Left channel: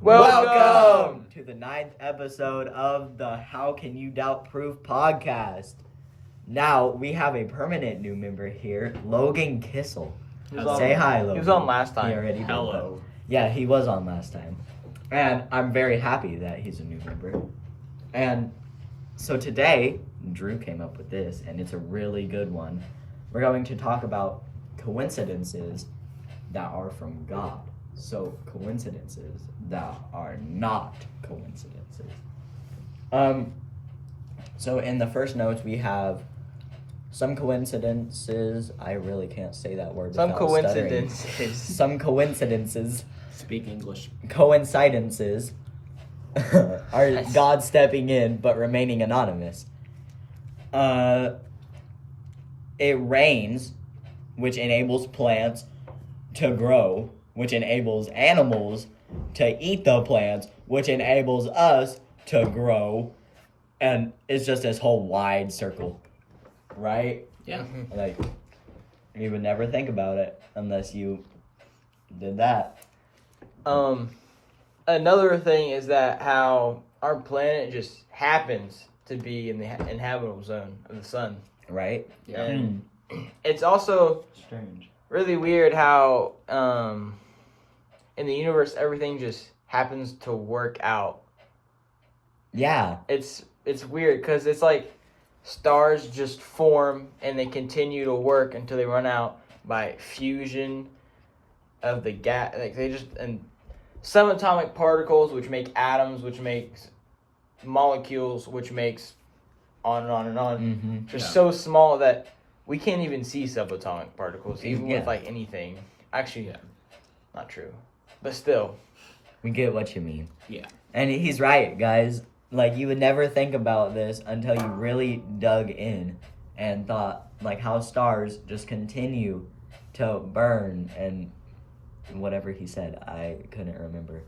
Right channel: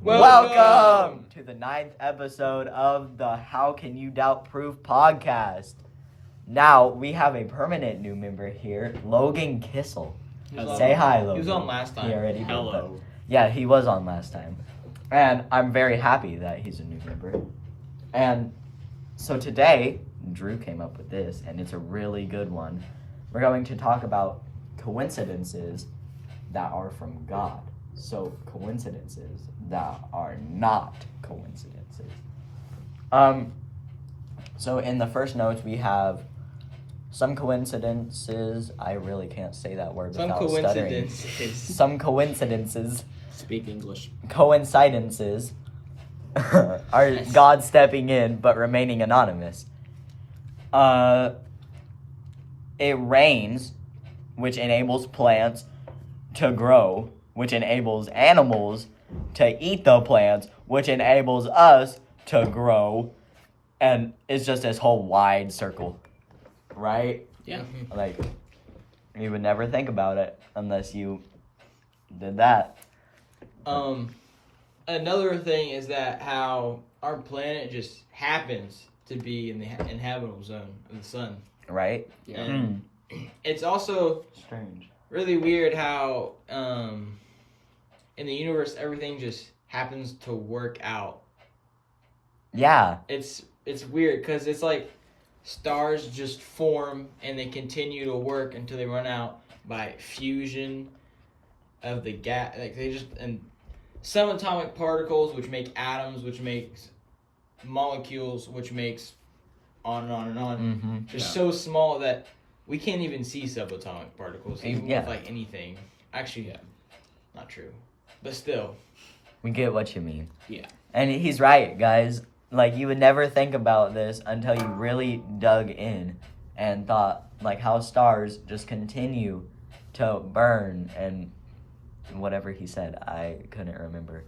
Welcome to the 9th episode of the How Can You Doubt Proof podcast. Now, we have a permanent new member here, Logan Kissel. Say hi, Logan. He was on last time. He already did. Hello. Yeah, he was on last time. And I'm very happy that he's a new member. And so today, Drew came up with this, and it's a really good one. We're going to talk about coincidences that are from God. So coincidences that are not coincidences. So in the first notes we have some coincidences. I really can't say that word Some without coincidences. stuttering. Some coincidences. Speak English. Coincidences are Yes. God stepping in but remaining anonymous. It rains, which enables plants to grow, which enables animals to eat the plants, which enables us to grow, and it's just this whole wide circle, right? Yeah. Like, you would never think about it unless you did that. Another thing is that how our planet just happens to be in the inhabitable zone of the sun. Right? Yeah. And it's also Strange. really weird how in the universe everything just happens to work out. Yeah. It's weird because it's like stars just form and they continue to work until they run out by fusion of the gas. Like they just and subatomic particles, which make atoms, which makes molecules, which makes on and on and on. Mm-hmm. Just Yeah. so small that we can't even see subatomic particles, even Yeah. with like anything. Actually, Yeah. not true, but still. We get what you mean. Yeah. And he's right, guys. Like, you would never think about this until you really dug in and thought, like, how stars just continue to burn and whatever he said. I couldn't remember.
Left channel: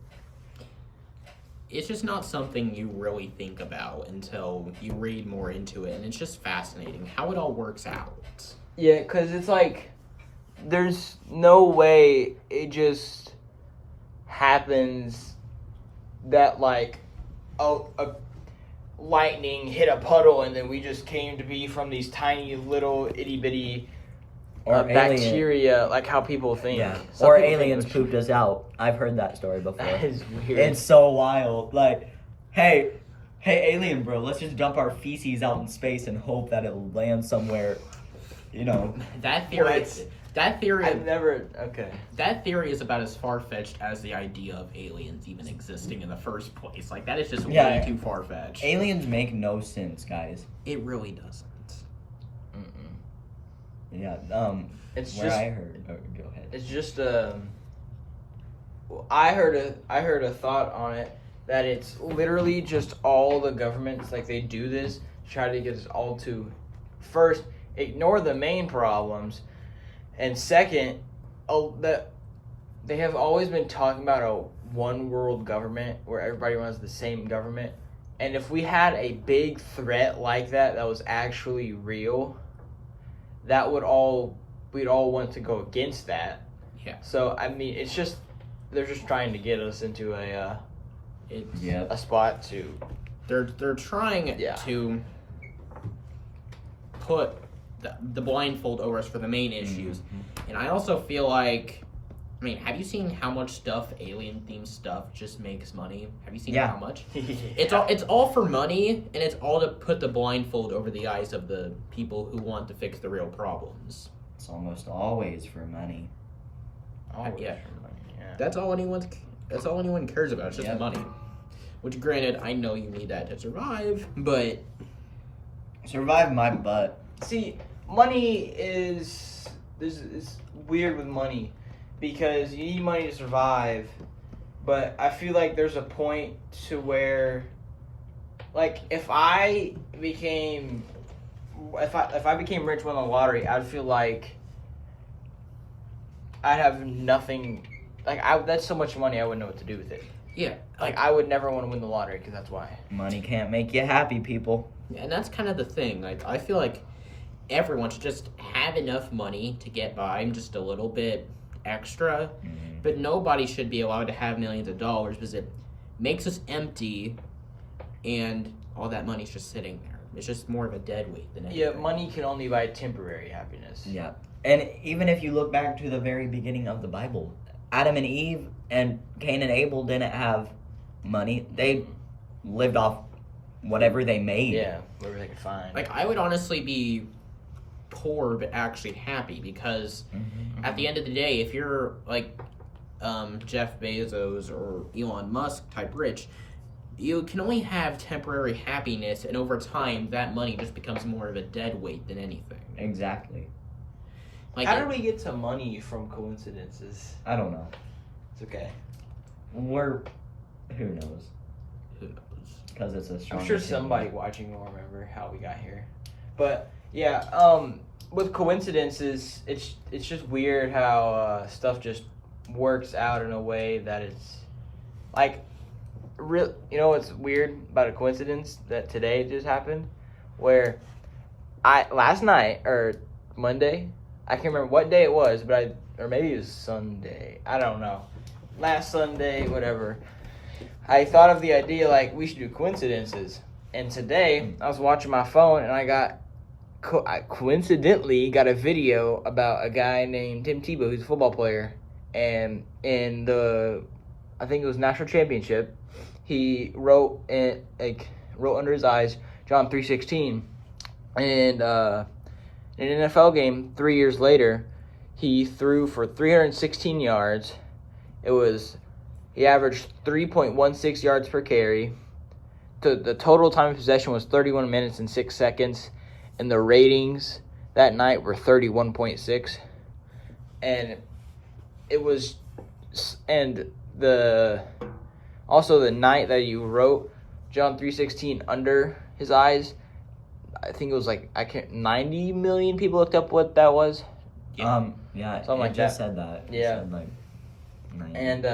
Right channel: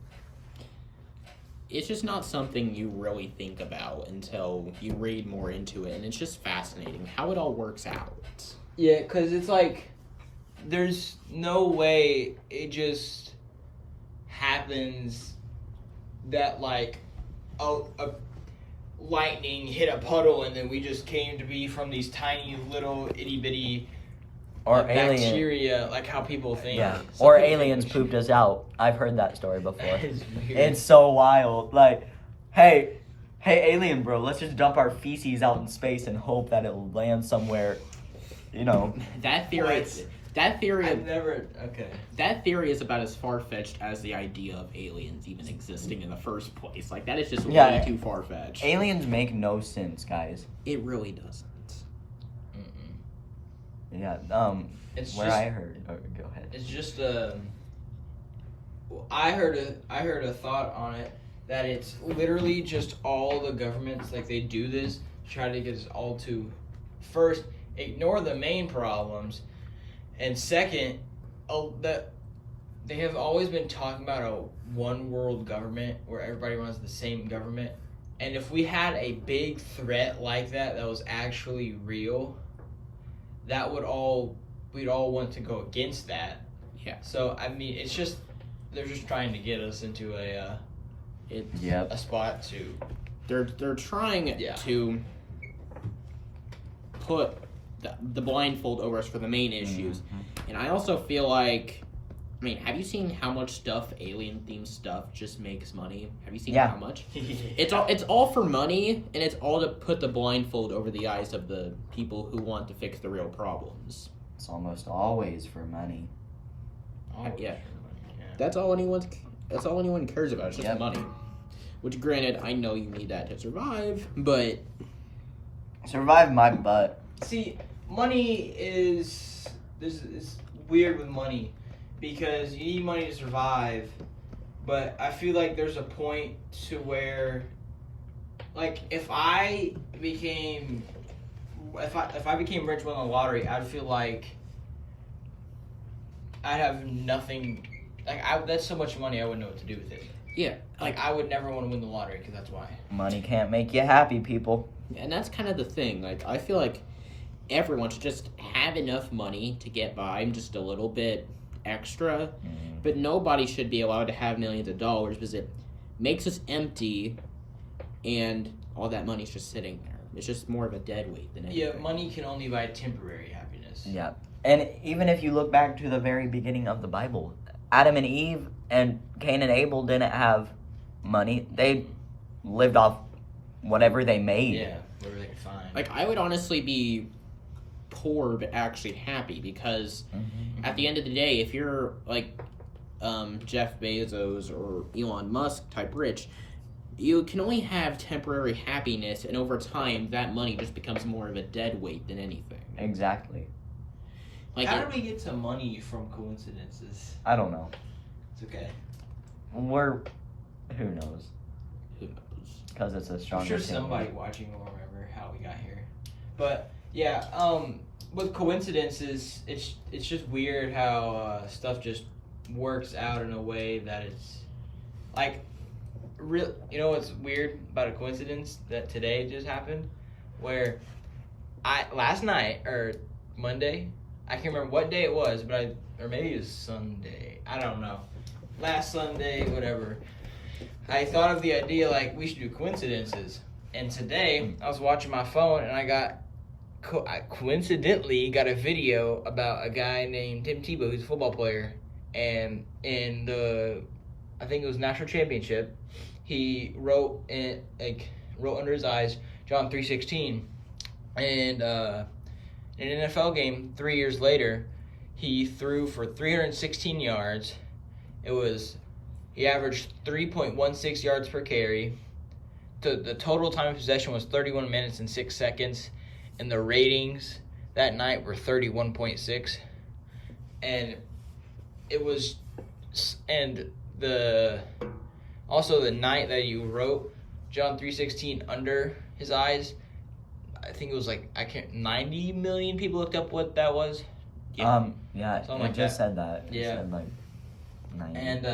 It's just not something you really think about until you read more into it, and it's just fascinating how it all works out. Yeah, because it's like there's no way it just happens that like a lightning hit a puddle and then we just came to be from these tiny little itty bitty Or alien. bacteria, like how people think. Yeah. Some Or people think aliens it's- pooped us out. I've heard that story before. That is weird. It's so wild. Like, hey, alien bro, let's just dump our feces out in space and hope that it'll land somewhere, you know. That theory, What? that theory, I've never. Okay. that theory is about as far fetched as the idea of aliens even existing in the first place. Like that is just Yeah. way too far fetched. Aliens make no sense, guys. It really doesn't. Yeah, It's where just. I heard. Oh, go ahead. It's just I heard a thought on it that it's literally just all the governments like they do this try to get us all to first ignore the main problems, and second, that they have always been talking about a one world government where everybody wants the same government, and if we had a big threat like that was actually real, that would all we'd all want to go against that. Yeah. So I mean, it's just they're just trying to get us into Yep. a spot to. They're trying Yeah. to put the blindfold over us for the main issues, and I also feel like, I mean, have you seen how much stuff, alien themed stuff, just makes money? Have you seen Yeah. how much? It's all for money, and it's all to put the blindfold over the eyes of the people who want to fix the real problems. It's almost always for money. Oh, Yeah. yeah. That's all anyone cares about. It's just Yep. money. Which, granted, I know you need that to survive, but Survive my butt. See, money is weird with money because you need money to survive, but I feel like there's a point to where, like, if I became rich and won the lottery, I'd feel like I'd have nothing. Like, that's so much money, I wouldn't know what to do with it. yeah, Like, I would never want to win the lottery because that's why. Money can't make you happy, people. and that's kind of the thing. Like, I feel like everyone should just have enough money to get by just a little bit extra, but nobody should be allowed to have millions of dollars because it makes us empty, and all that money's just sitting there. It's just more of a dead weight than anything. Yeah, money can only buy temporary happiness. Yeah. And even if you look back to the very beginning of the Bible, Adam and Eve and Cain and Abel didn't have money. They lived off whatever they made. Yeah, whatever they could find. Like, I would honestly be poor but actually happy because at the end of the day, if you're like Jeff Bezos or Elon Musk type rich, you can only have temporary happiness, and over time, that money just becomes more of a dead weight than anything. Exactly. Like, How did we get to money from coincidences? I don't know. It's okay. Who knows? who knows? Because it's a strong I'm sure opinion. somebody watching will remember how we got here. But yeah, with coincidences, it's just weird how stuff just works out in a way that it's like real. You know what's weird about a coincidence that today just happened, where last night or Monday, I can't remember what day it was, but or maybe it was Sunday. I don't know. Last Sunday, whatever. I thought of the idea like we should do coincidences, and today I was watching my phone and I coincidentally got a video about a guy named Tim Tebow, who's a football player, and in I think it was national championship, he wrote under his eyes John 3:16, and in an NFL game 3 years later, he threw for 316 yards. He averaged 3.16 yards per carry. The total time of possession was 31 minutes and 6 seconds, and the ratings that night were 31.6. And it was, and the night that you wrote John 3:16 under his eyes, I think it was 90 million people looked up what that was. Yeah, Something like just that. said that. It Yeah. said, 90. And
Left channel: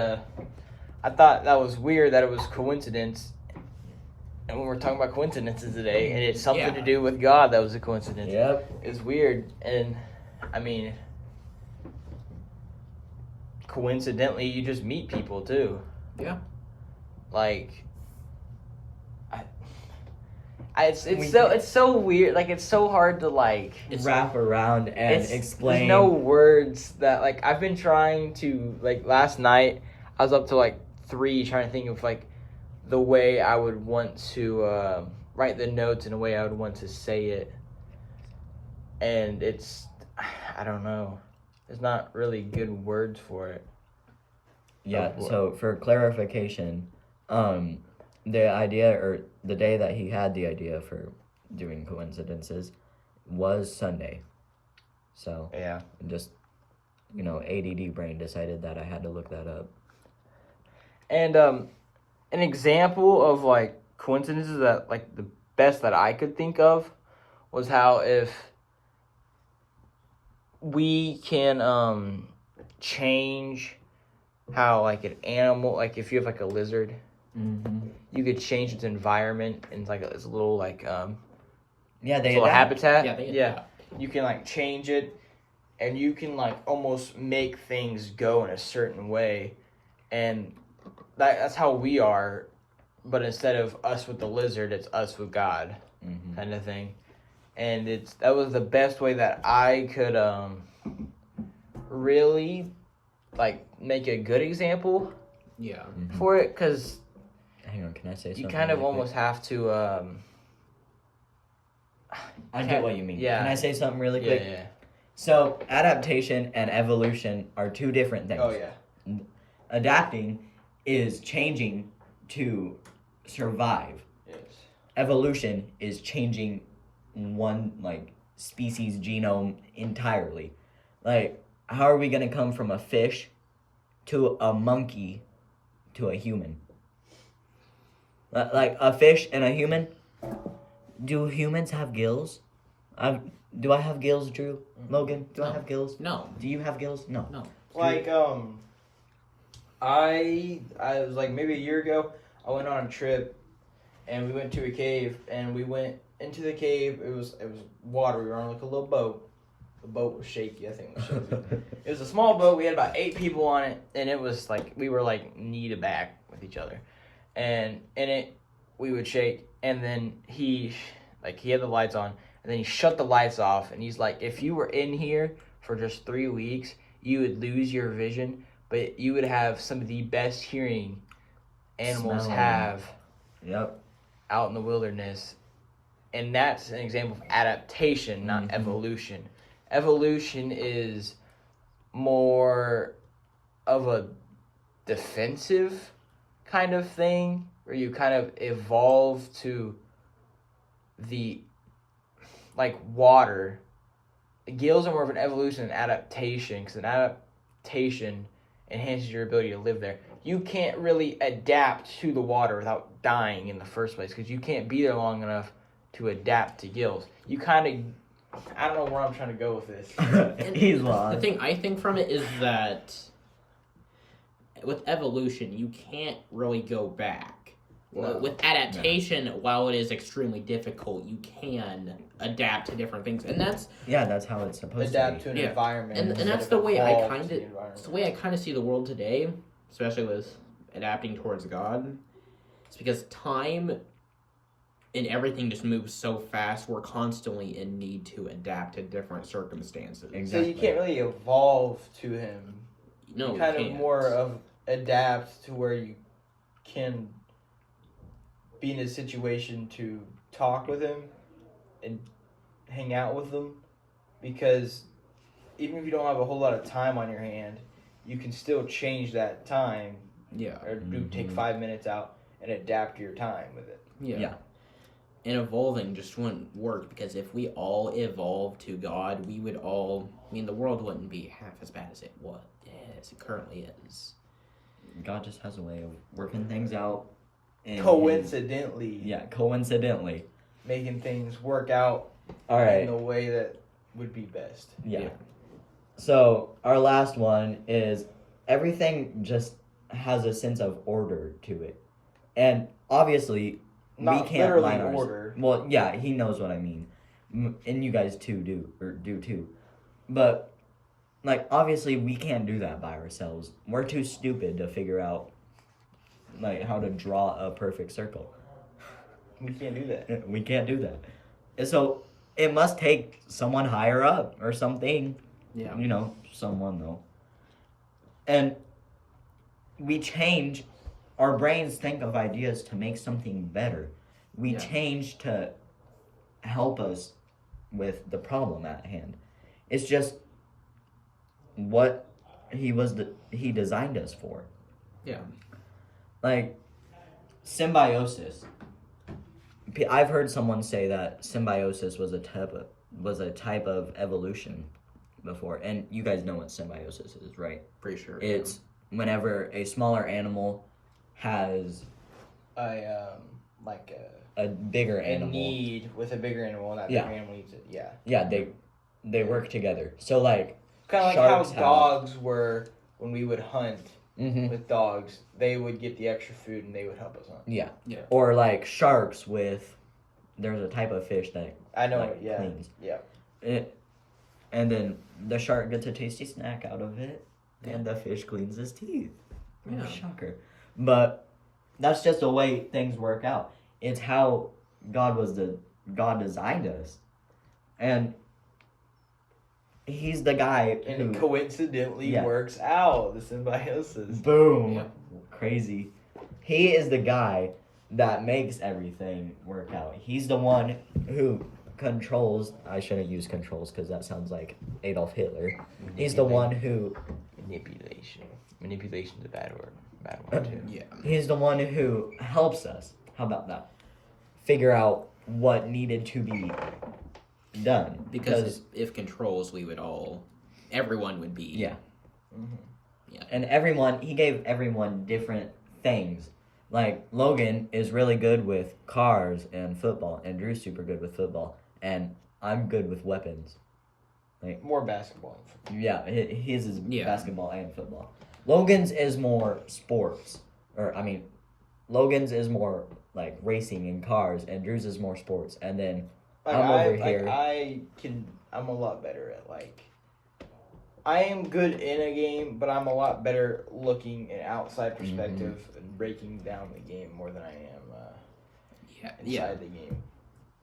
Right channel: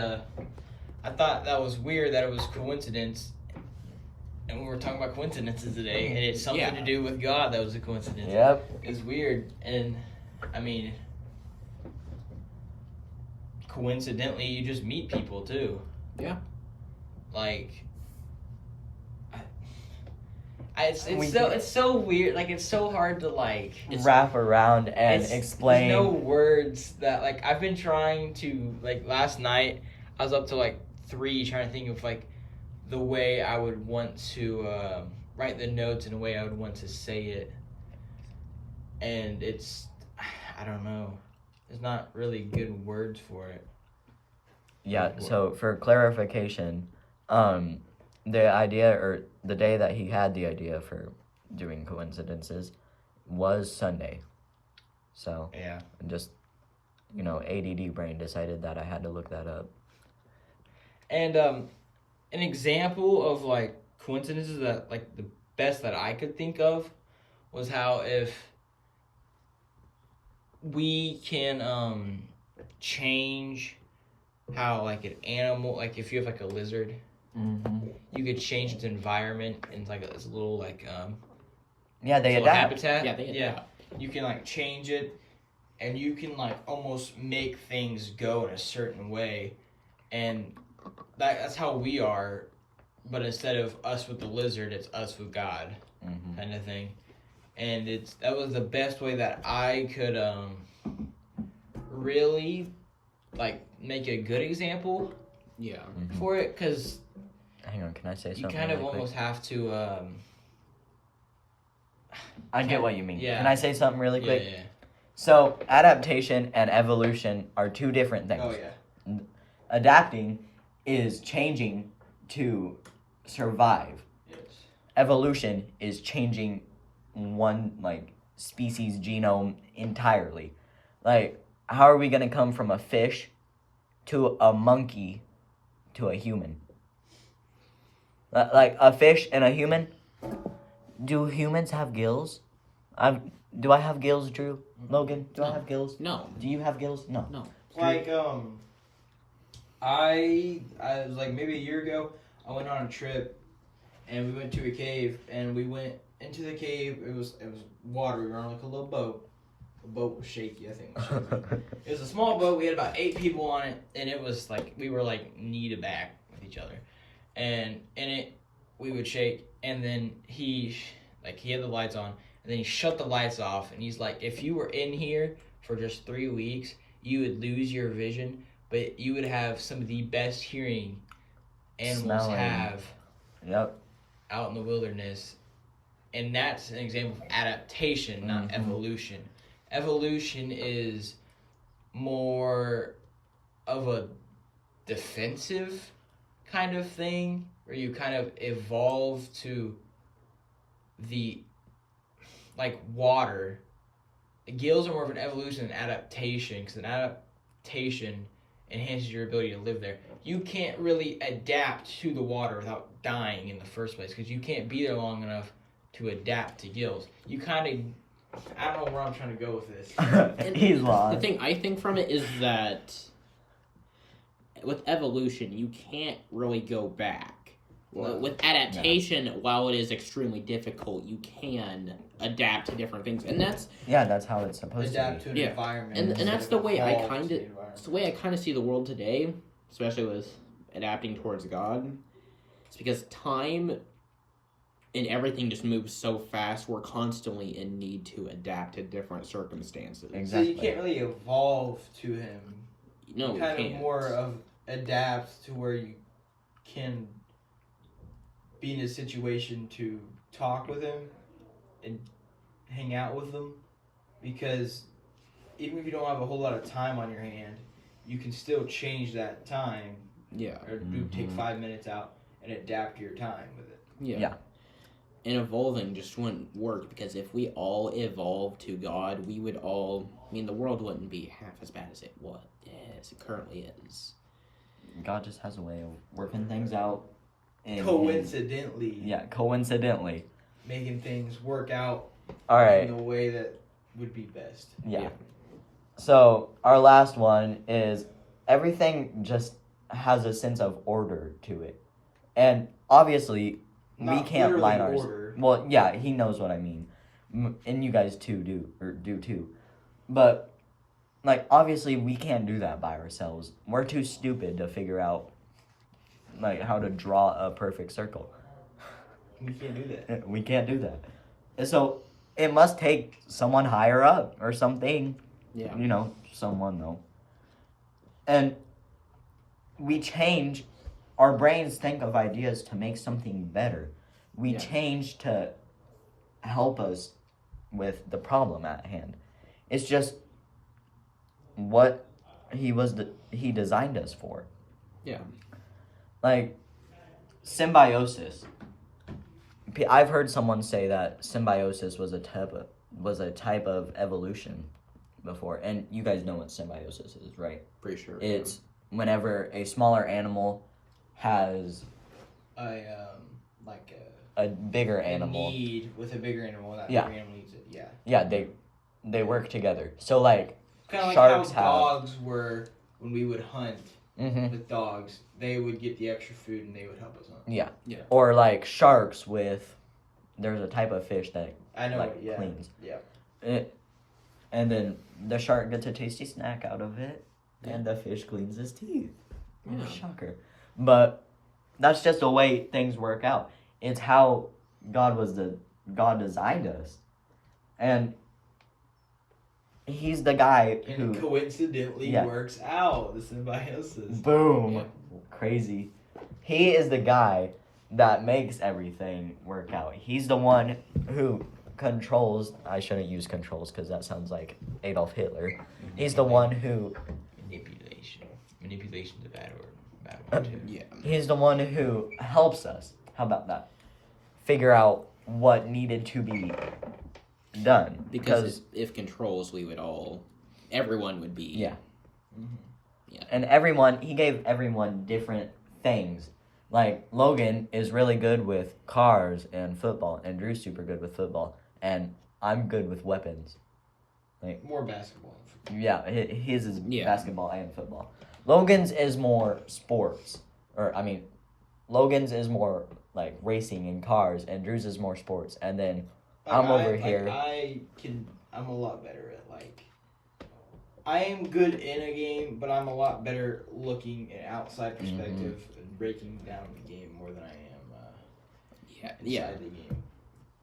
I thought that was weird that it was coincidence. And when we're talking about coincidences today, and it's something to do with God, that was a coincidence. Yep. It's weird. And, I mean, coincidentally, you just meet people, too. Yeah. Like, it's so weird. Like, it's so hard to, wrap around and explain. There's no words that, I've been trying to, last night, I was up to, 3 trying to think of, the way I would want to write the notes in a way I would want to say it. And I don't know. There's not really good words for it. Yeah, so for clarification, the idea or the day that he had the idea for doing coincidences was Sunday. So, Yeah. just, ADD brain decided that I had to look that up. And an example of coincidences that the best that I could think of was how if we can change how an animal, if you have a lizard, you could change its environment into this little Yeah, they little adapt. habitat. Yeah, they Yeah, you can change it, and you can almost make things go in a certain way, and that's how we are. But instead of us with the lizard, it's us with God, kind of thing. And that was the best way that I could really make a good example Yeah. for it, because Hang on, can I say something? you kind of really quick? almost have to. I get what you mean. Yeah. Can I say something really quick? Yeah. So, adaptation and evolution are two different things. Oh yeah. Adapting is changing to survive. Yes. Evolution is changing one species genome entirely. How are we gonna come from a fish to a monkey to a human? A fish and a human. Do humans have gills? Do I have gills, Drew? Logan, do I No. have gills? No. Do you have gills? No. No. I was maybe a year ago, I went on a trip, and we went to a cave, and we went into the cave. It was water. We were on a little boat. The The boat was shaky. I think it was shaky. It was a small boat. We had about 8 people on it, and it was like we were like knee to back with each other, and in it we would shake, and then he had the lights on, and then he shut the lights off, and he's like, if you were in here for just 3 weeks, you would lose your vision, but you would have some of the best hearing animals Smelling. have Yep. out in the wilderness. And that's an example of adaptation, not Mhm. evolution. Evolution is more of a defensive kind of thing, where you kind of evolve to the, like, water. Gills are more of an evolution and adaptation, because an adaptation enhances your ability to live there. You can't really adapt to the water without dying in the first place, because you can't be there long enough to adapt to gills. You kind of, I don't know where I'm trying to go with this. He's The lost. thing I think from it is that with evolution, you can't really go back. No. With adaptation, while it is extremely difficult, you can adapt to different things, and that's Yeah, that's how it's supposed Adapt to to an Yeah. environment. and instead that's of the way I evolve kind to of the environment. it's the way I kind of see the world today, especially with adapting towards God. It's because time and everything just moves so fast. We're constantly in need to adapt to different circumstances. be. So you can't really evolve to him. No, You kind we of can't. more of adapt to where you can be in a situation to talk with him and hang out with him, because even if you don't have a whole lot of time on your hand, you can still change that time, Yeah, or take Mhm. 5 minutes out and adapt your time with it. yeah. And evolving just wouldn't work, because if we all evolved to God, we would all. I mean, the world wouldn't be half as bad as it currently is. God just has a way of working things out. Coincidentally, Coincidentally. making things work out All right. in the way that would be best. Yeah. Yeah. So our last one is everything just has a sense of order to it, and obviously Not we can't literally line ours. order. Well, yeah, he knows what I mean, and you guys too do too, but like obviously we can't do that by ourselves. We're too stupid to figure out like how to draw a perfect circle. We can't do that. We can't do that, and so it must take someone higher up or something. Yeah. You know, someone though. And we change, our brains think of ideas to make something better. We Yeah. change to help us with the problem at hand. It's just what he designed us for. Yeah. Like symbiosis. I've heard someone say that symbiosis was a type of evolution before, and you guys know what symbiosis is, right? Pretty sure. It's whenever a smaller animal has Like a bigger a animal. need with a bigger animal, and that Yeah. bigger animal needs it. Yeah. Yeah, they work together. So like, Kind of like Sharks how have- dogs were when we would hunt mhm, with dogs. They would get the extra food and they would help us hunt. yeah, Yeah. or like sharks with. There's a type of fish that I know. like Yeah. cleans Yeah. it, and then the shark gets a tasty snack out of it, and the fish cleans his teeth. What a Yeah. shocker! But that's just the way things work out. It's how God designed us, and he's the guy And who it coincidentally Yeah. works out. The symbiosis. boom, Yeah. crazy. He is the guy that makes everything work out. He's the one who controls. I shouldn't use controls because that sounds like Adolf Hitler. He's the one who. Manipulation. Manipulation's a bad word. Bad word too. Yeah. He's the one who helps us. How about that? Figure out what needed to be done. Because if controls, everyone would be. Yeah. Mm-hmm. And he gave everyone different things. Like, Logan is really good with cars and football, and Drew's super good with football, and I'm good with weapons. More basketball. Yeah, his is Yeah. basketball and football. Logan's is more sports. Logan's is more like racing and cars, and Drew's is more sports. And then I'm over here. I'm a lot better at I am good in a game, but I'm a lot better looking an outside perspective and breaking down the game more than I am inside the game.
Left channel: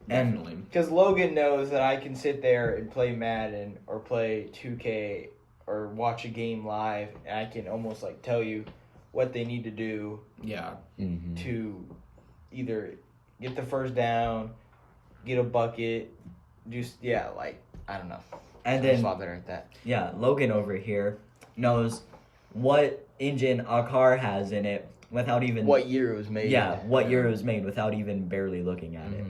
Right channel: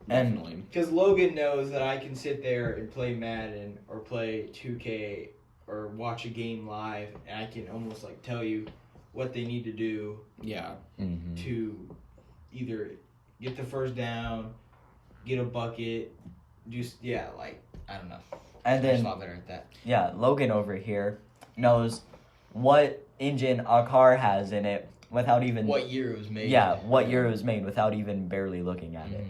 Definitely. Because Logan knows that I can sit there and play Madden or play 2K or watch a game live, and I can almost tell you what they need to do to either get the first down, get a bucket, I don't know. And I'm then just a lot better at that. Yeah, Logan over here knows what engine a car has in it without even What year it was made. Yeah, what year it was made without even barely looking at it.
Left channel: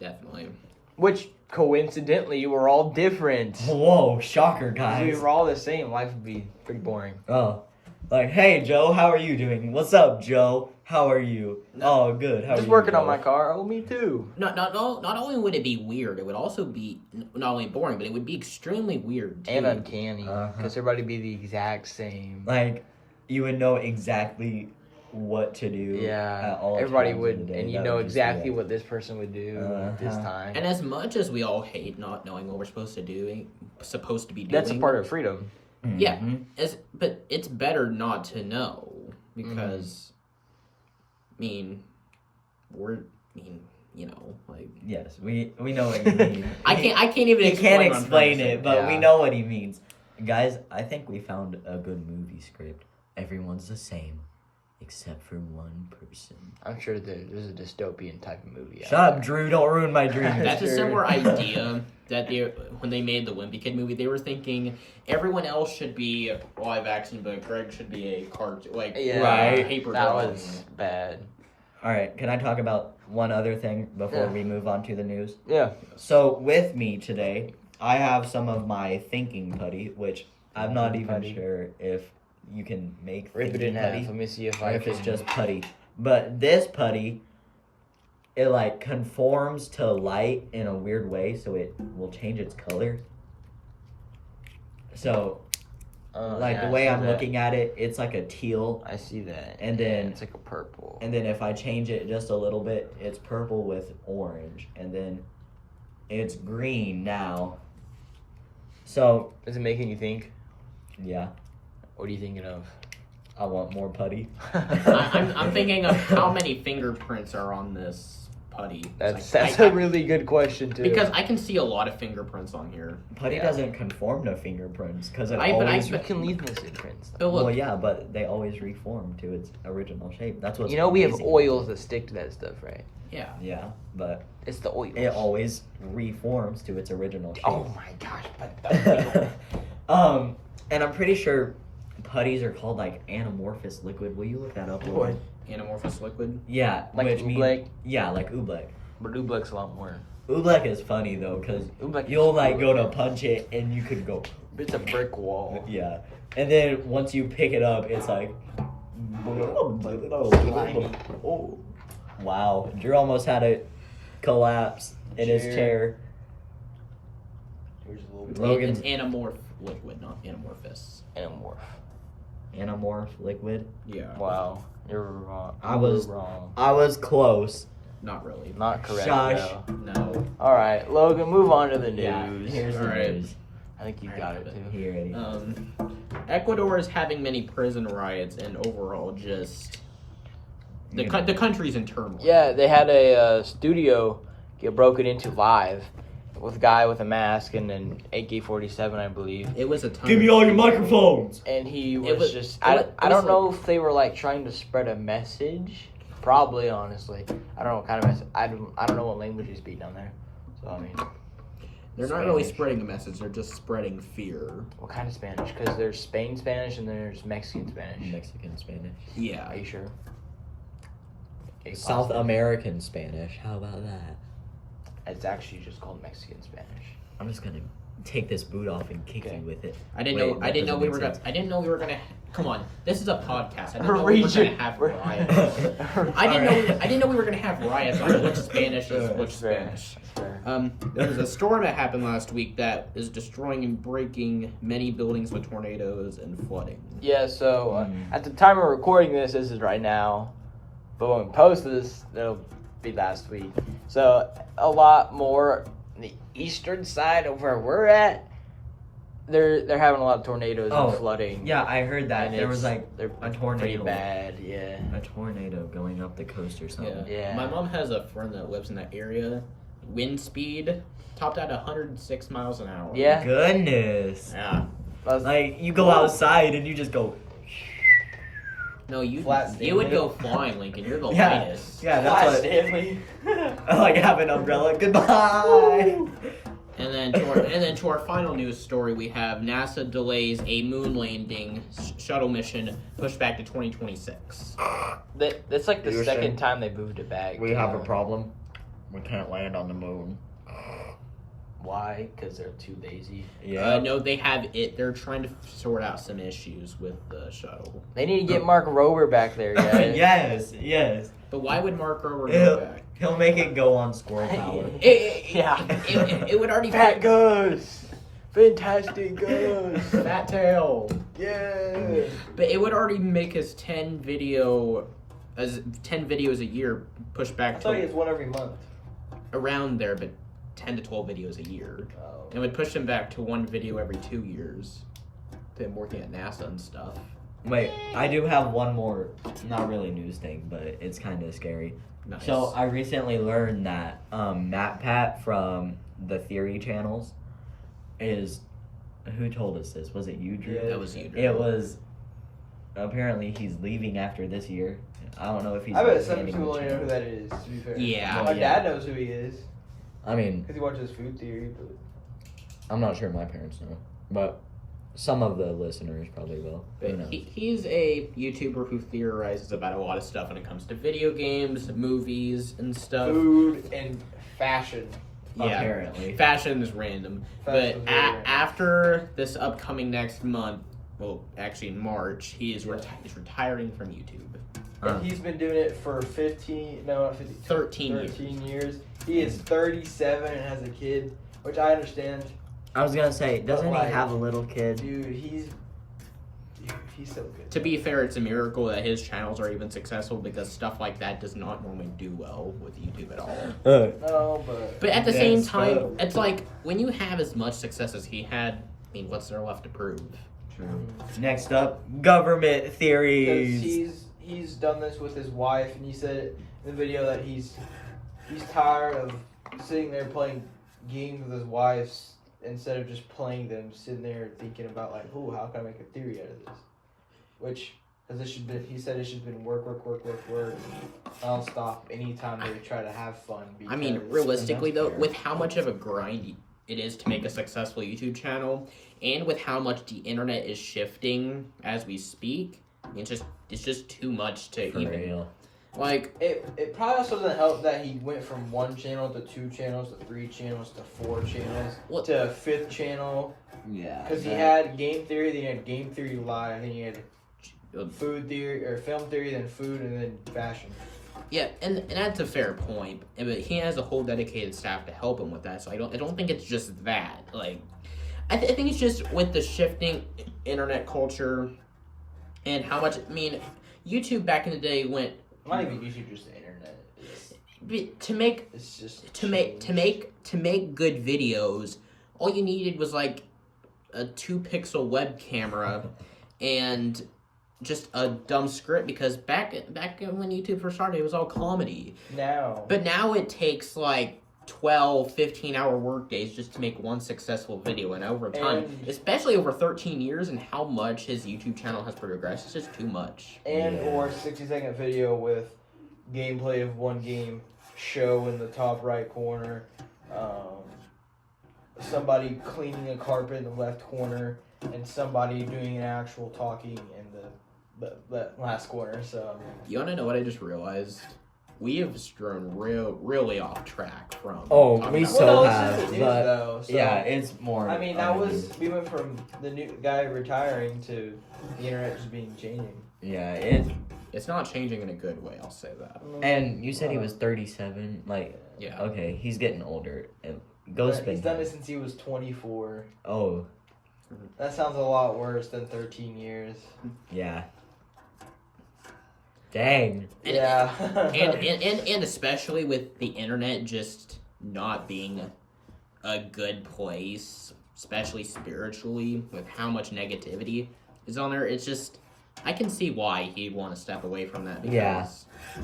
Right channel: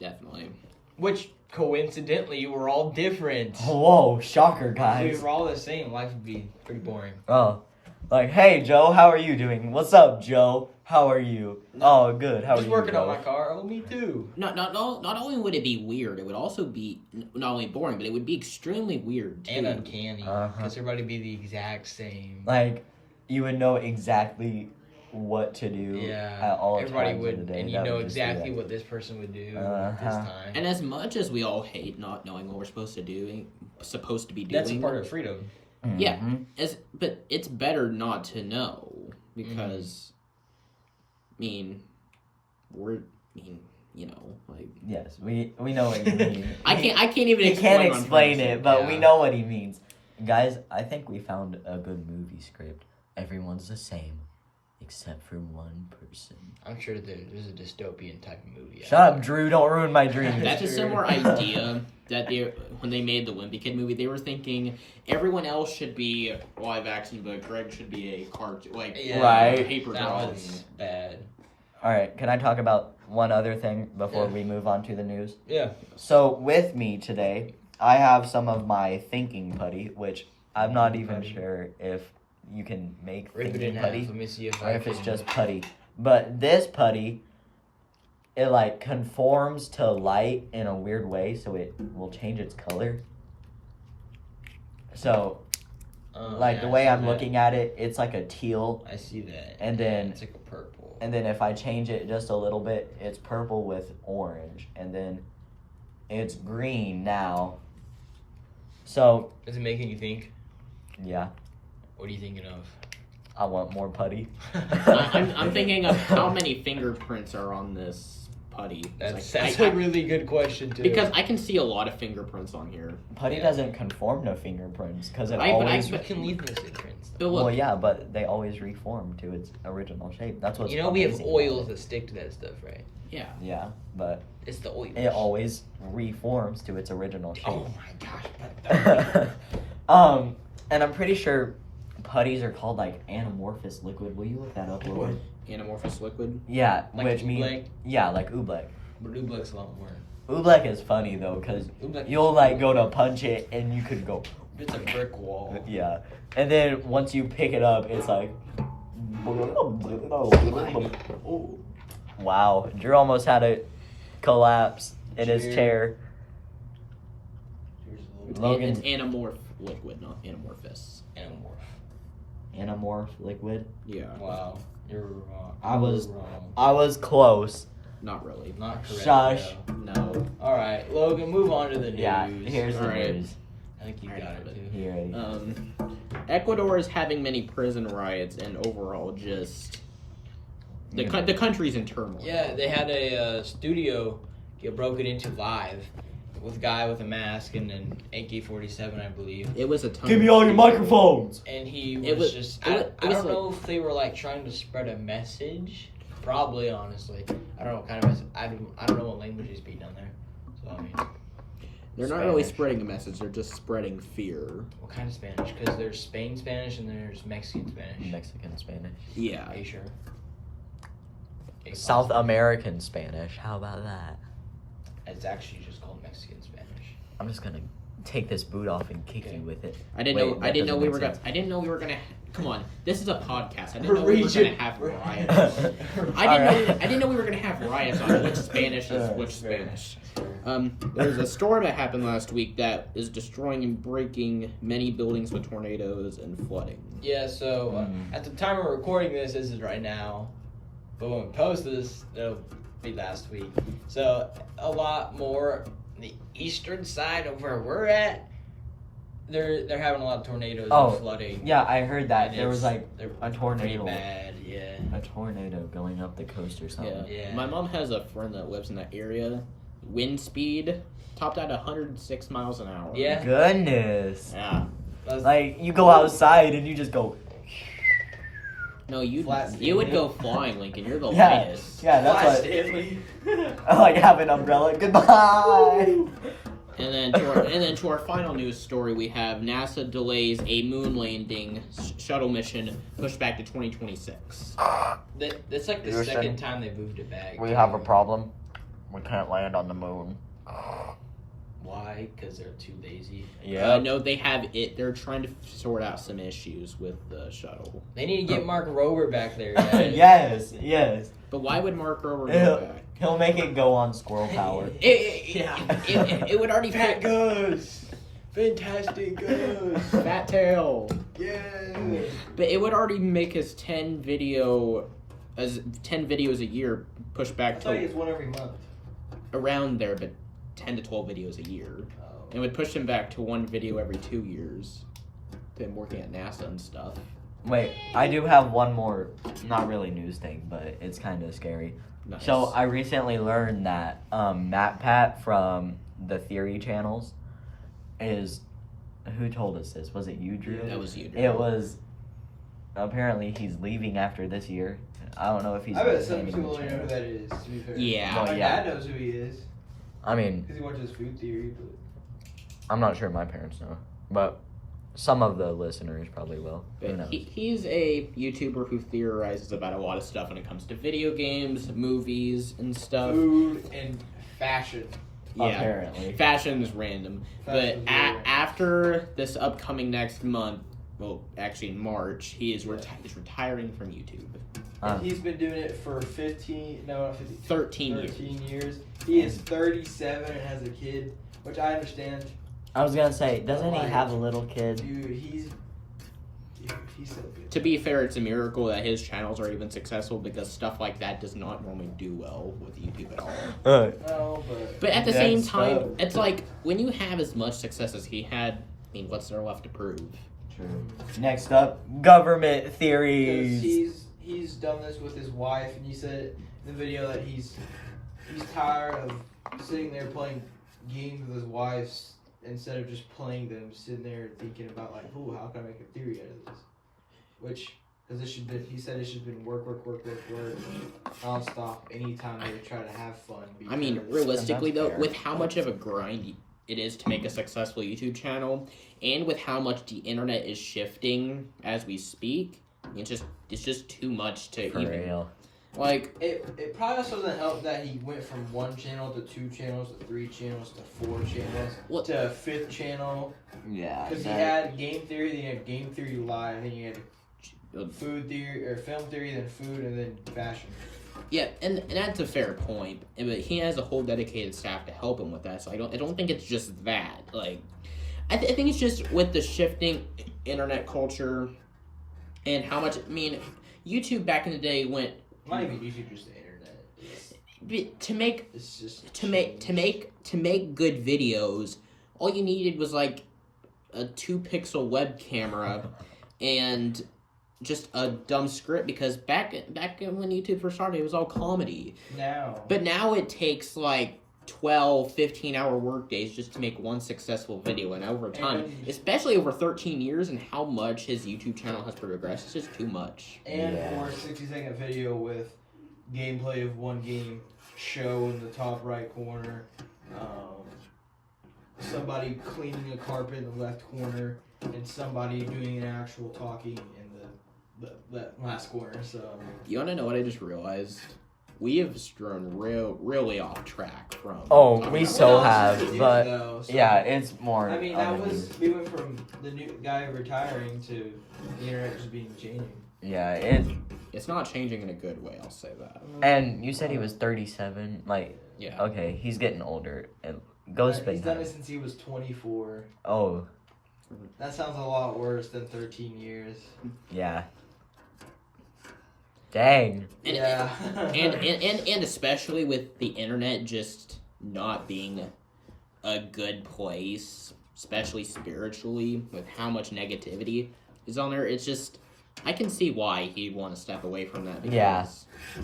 Definitely. Which coincidentally were all different. Whoa, shocker, If guys. we were all the same, life would be pretty boring. Oh, hey Joe, how are you doing? What's up, Joe? How are you? Oh, good. How are Just you? working on Joe? my car. Oh, me too. Not only would it be weird, it would also be not only boring, but it would be extremely weird too. And uncanny. Because everybody be the exact same. You would know exactly what to do. At all everybody times would, of the day. and you That know would just be exactly it. what this person would do at this time. And as much as we all hate not knowing what we're supposed to be doing, That's a part of freedom. Yeah, but it's better not to know because, Yes, we know what you mean. I can't even. You explain can't what I'm explain trying to it, say. but we know what he means. Guys, I think we found a good movie script. Everyone's the same, except for one person. I'm sure there's a dystopian type of movie. Shut up, Drew. Don't ruin my dreams. That's a similar idea that when they made the Wimpy Kid movie, they were thinking everyone else should be live action, but Greg should be a cartoon, Right. paper That drawing. was bad. All right, can I talk about one other thing before we move on to the news? Yeah. So with me today, I have some of my thinking putty, which I'm not even Putty. sure if you can make Rip it thinking in putty half. Let me see if or I if can. it's just putty. But this putty, it conforms to light in a weird way, so it will change its color. So, the way I'm looking at it, it's like a teal. I see that. And then it's like a purple. And then if I change it just a little bit, it's purple with orange. And then it's green now. So, Does it make any think? yeah, What are you thinking of? I want more putty. I'm thinking of how many fingerprints are on this putty. That's Like, a really good question too. because I can see a lot of fingerprints on here. Putty Yeah. doesn't conform to fingerprints because it I- but I- always... you can leave missing prints. But look, Well, yeah, but they always reform to its original shape. That's what's You know we have amazing. oils that stick to that stuff, right? yeah. Yeah, but It's the oils. it always reforms to its original shape. Oh my gosh! And I'm pretty sure putties are called anamorphous liquid. Will you look that up, Lloyd? Anamorphous liquid. Yeah, Like which means oobleck? yeah, like oobleck. But oobleck's a lot more. Oobleck is funny though, cause Oobleck you'll is go to punch it and you could go It's a brick wall. yeah, and then once you pick it up, it's like wow. Drew almost had it collapse in his Cheer. chair. Here's a little Logan's It's anamorph liquid, not anamorphous. anamorph. anamorph liquid. Yeah. Wow, you're wrong. I was- You're wrong. I was close. Not really. Not correct. Shush. though. No. All right, Logan, move on to the news. Yeah, here's the Alright. news. I think you I got have it it. too. Here it is. Ecuador is having many prison riots and overall just the country's in turmoil. Yeah, they had a studio get broken into live with a guy with a mask and an AK-47, I believe. It was a ton. Give me all your microphones. And he It was was- just. it was- I don't know if they were trying to spread a message. Probably, honestly. I don't know what kind of message. I don't know what language you speak down there. So, I mean, They're not really Spanish. spreading a message. They're just spreading fear. What kind of Spanish? Because there's Spain Spanish and there's Mexican Spanish. Mexican Spanish. Yeah. Are you sure? Okay, South possibly. American Spanish. How about that? It's actually just called Mexican Spanish. I'm just gonna take this boot off and kick you with it. I didn't Wait, know. I that didn't know doesn't we make were gonna. sense. I didn't know we were gonna. Come on, this is a podcast. I didn't know we were gonna have riots. I didn't know we were gonna have riots on which Spanish is which Spanish. There's a storm that happened last week that is destroying and breaking many buildings with tornadoes and flooding. Yeah, so at the time of recording this is right now. But when we post this, it'll last week. So a lot more the eastern side of where we're at. They're having a lot of tornadoes Oh, and flooding. Yeah, I heard that. And There was it's- like they're a pretty tornado. bad. Yeah. A tornado going up the coast or something. Yeah. My mom has a friend that lives in that area. Wind speed topped at 106 miles an hour. Yeah. Goodness. Yeah. Like, you go outside and you just go. No, you Flat you would Stanley. go flying, Lincoln. You're the Yeah. lightest. Yeah, Flash that's Stanley. what. I like have an umbrella. Goodbye. And then to our final news story, we have NASA delays a moon landing shuttle mission pushed back to 2026. That's like the You were second saying- time they moved it back. We have a problem. We can't land on the moon. Why? Because they're too lazy. No, they have it. They're trying to sort out some issues with the shuttle. They need to get Mark Rover back there, guys. yes. But why would Mark Rover Ew. go back? He'll make it go on squirrel power. It would already Fat Gus! Fantastic Gus! Fat tail. Yeah! But it would already make us 10 videos a year pushed back to one every month. around there, but 10 to 12 videos a year. Oh. It would push them back to one video every 2 years. Them working at NASA and stuff. Wait, I do have one more, not really news thing, but it's kind of scary. Nice. So I recently learned that MatPat from the Theory channels is, who told us this? Was it you, Drew? That was you, Drew. It was, apparently he's leaving after this year. I don't know if he's. I bet some maintaining people the don't know who channel. that is, to be fair. Yeah. My Yeah. dad knows who he is, I mean, because he watches Food Theory, but I'm not sure my parents know, but some of the listeners probably will. Who knows? He's a YouTuber who theorizes about a lot of stuff when it comes to video games, movies, and stuff. food and fashion. Yeah. Apparently. Fashion is random. But Fashion's very random. after this upcoming next month, well, actually in March, he's retiring from YouTube. And he's been doing it for 15, no, not 15, 13 years. 13 years. He is 37 and has a kid, which I understand. I was gonna say, doesn't Like- he have a little kid? Dude, he's so good. To be fair, it's a miracle that his channels are even successful because stuff like that does not normally do well with YouTube at all. No, but But at the Yeah, same it's time, so- it's like when you have as much success as he had, I mean, what's there left to prove? True. Next up, government because theories. he's done this with his wife, and he said in the video that he's tired of sitting there playing games with his wife instead of just playing them, sitting there thinking about like, ooh, how can I make a theory out of this? Which, because he said it should have been work, nonstop anytime they try to have fun. I mean, because- realistically that's though, fair. with how much of a grind it is to make a successful YouTube channel, and with how much the internet is shifting as we speak, it's just too much to For even real. like. It probably also doesn't help that he went from 1 channel to 2 channels to 3 channels to 4 channels What- to a 5th channel. Yeah. Because he had Game Theory, then he had Game Theory Live, then he had Food Theory, or Film Theory, then Food, and then Fashion. Yeah, and that's a fair point. But he has a whole dedicated staff to help him with that. So I don't think it's just that. Like, I think it's just with the shifting internet culture and how much. I mean, YouTube back in the day went Not even YouTube, just the internet. to make It's just to make good videos. All you needed was like a 2-pixel web camera and just a dumb script, because back when YouTube first started, it was all comedy. now. But now it takes like 12, 15-hour work days just to make one successful video, and over time, And- especially over 13 years and how much his YouTube channel has progressed, it's just too much. And Yeah. or 60-second video with gameplay of one game, show in the top right corner, somebody cleaning a carpet in the left corner, and somebody doing an actual talking in the last corner. So You want to know what I just realized? We have strewn really off track from. Oh, talking we about- so Well, no, it's have, just the news, but though, so- yeah, it's more. I mean, that on the was news. we went from the new guy retiring to the internet just being changing. Yeah, It's not changing in a good way, I'll say that. and you said he was 37. Like, Yeah. okay, he's getting older. And go He's spend done time. it since he was 24. Oh, That sounds a lot worse than 13 years. yeah. Dang. And, Yeah. and especially with the internet just not being a good place, especially spiritually, with how much negativity is on there, it's just, I can see why he'd want to step away from that. Because, Yeah.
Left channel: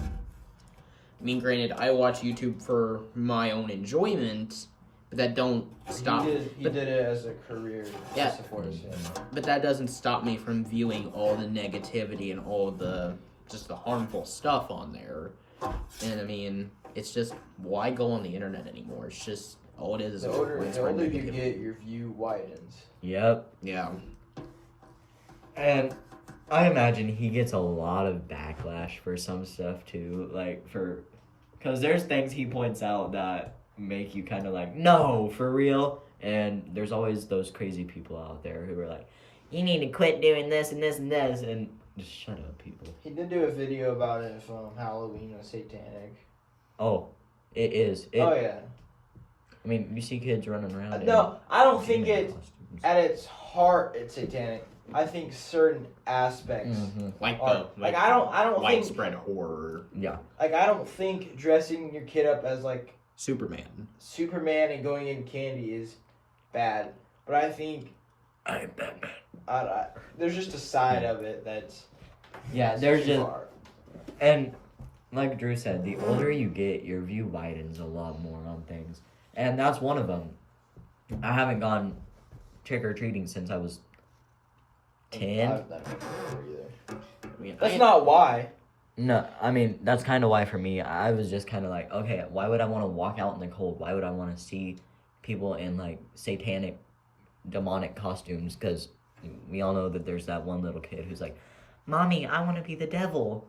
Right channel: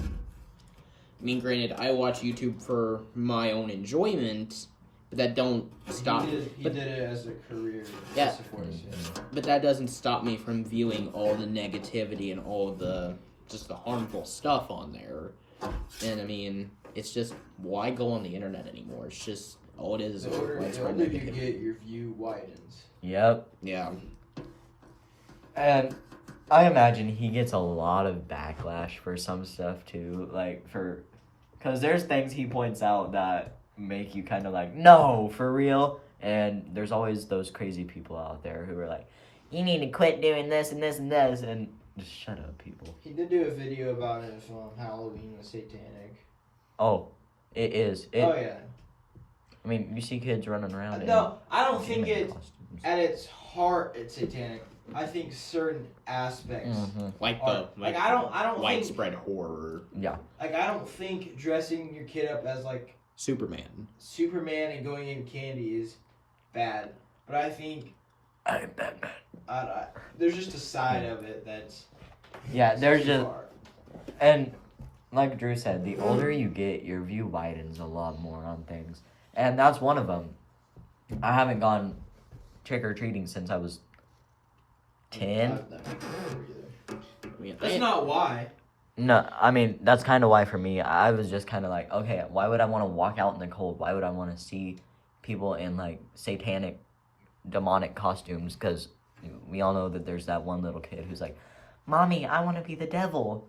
I mean, granted, I watch YouTube for my own enjoyment, but that don't stop. He did it as a career. Yeah. To support his family. But that doesn't stop me from viewing all the negativity and all the just the harmful stuff on there. And I mean, it's just, why go on the internet anymore? It's just, all it is The a older widespread you negativity. get, your view widens. Yep. Yeah. And I imagine he gets a lot of backlash for some stuff too, because there's things he points out that make you kind of like, no, for real. And there's always those crazy people out there who are like, you need to quit doing this and this and this, and just shut up, people. He did do a video about it if Halloween was satanic. Oh, it is. Oh yeah. I mean, you see kids running around. No, I don't think in it. costumes. At its heart, it's satanic. I think certain aspects. Mhm. Like Are, the like I don't think widespread horror. like I don't think dressing your kid up as like Superman. Superman and going in candy is bad, but I think I'm Batman. there's just a side of it that's Yeah, there's too just, far. and like Drew said, the older you get, your view widens a lot more on things, and that's one of them. I haven't gone trick or treating since I was 10. I've never been there either. I mean, That's not why. No, I mean, that's kind of why for me, I was just kind of like, okay, why would I want to walk out in the cold? Why would I want to see people in like satanic, demonic costumes? Because we all know that there's that one little kid who's like, Mommy, I want to be the devil.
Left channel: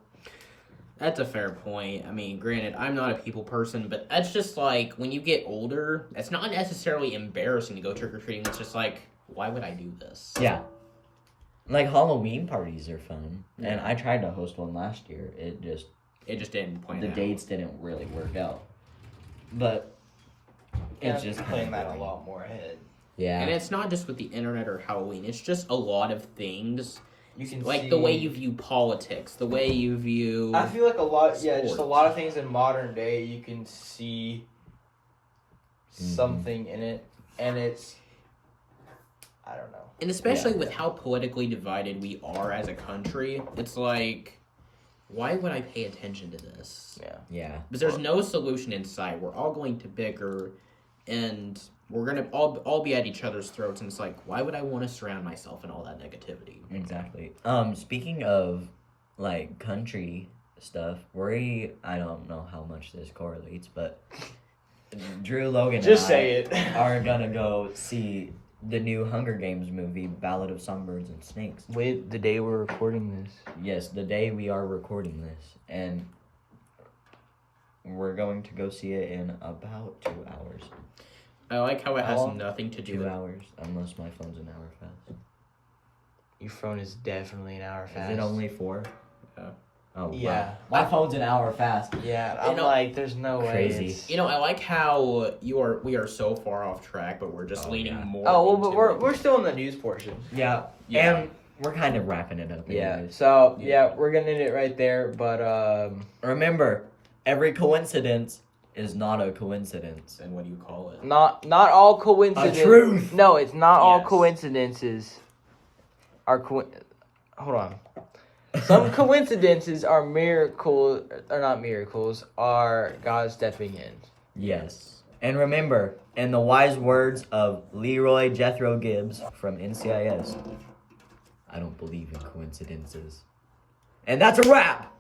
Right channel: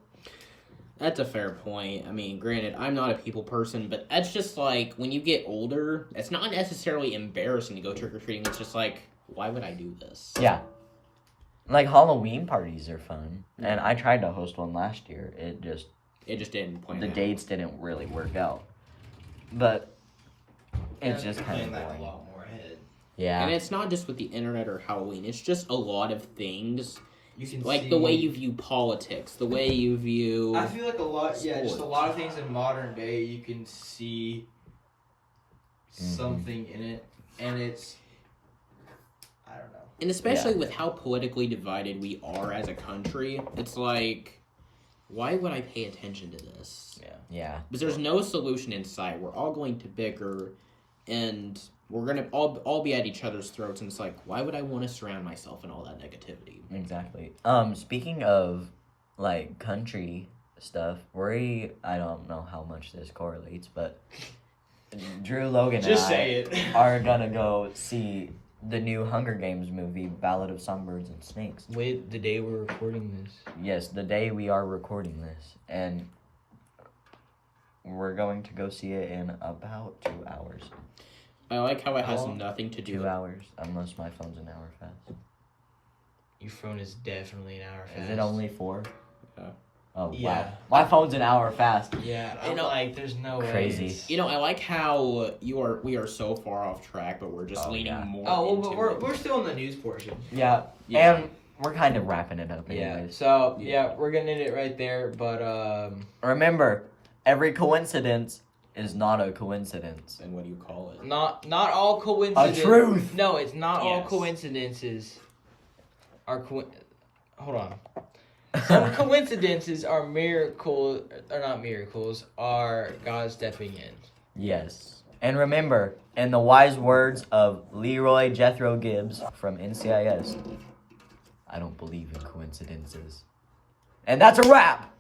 That's a fair point. I mean, granted, I'm not a people person, but that's just like, when you get older, it's not necessarily embarrassing to go trick-or-treating. It's just like, why would I do this? Yeah. Like Halloween parties are fun, and I tried to host one last year. It just didn't plan the out. dates didn't really work out, but it's just kind playing of that a boring. lot more ahead. Yeah. And it's not just with the internet or Halloween. It's just a lot of things, You can like see, the way you view politics, the way you view. I feel like a lot. Yeah, just a sports. lot of things in modern day you can see something in it, and it's I don't know. And especially with how politically divided we are as a country, it's like, why would I pay attention to this? Yeah. Because there's no solution in sight. We're all going to bicker, and we're gonna all be at each other's throats. And it's like, why would I want to surround myself in all that negativity? Exactly. Speaking of like country stuff, I don't know how much this correlates, but Drew, Logan, Just and I say it. are gonna go see the new Hunger Games movie, Ballad of Songbirds and Snakes. Wait, the day we're recording this. Yes, the day we are recording this, and we're going to go see it in about 2 hours. I like how it has How long? nothing to do 2 with hours, unless my phone's an hour fast. Your phone is definitely an hour fast. Is it only 4? Yeah. Oh, Yeah. wow. My phone's an hour fast. Yeah, You I'm know- like, there's no Crazy. way. it's- You know, I like how we are so far off track, but we're just Oh, leaning yeah. more. Oh well, into but we're it. we're still in the news portion. Yeah. Yeah. And we're kind of wrapping it up. Yeah. Anyways. So yeah, we're gonna end it right there. But Remember, every coincidence is not a coincidence. And what do you call it? not all coincidences. A truth. No, it's not all Yes. coincidences. Are hold on. Some coincidences are miracles, or not miracles, are God stepping in. Yes. And remember, in the wise words of Leroy Jethro Gibbs from NCIS, I don't believe in coincidences. And that's a wrap!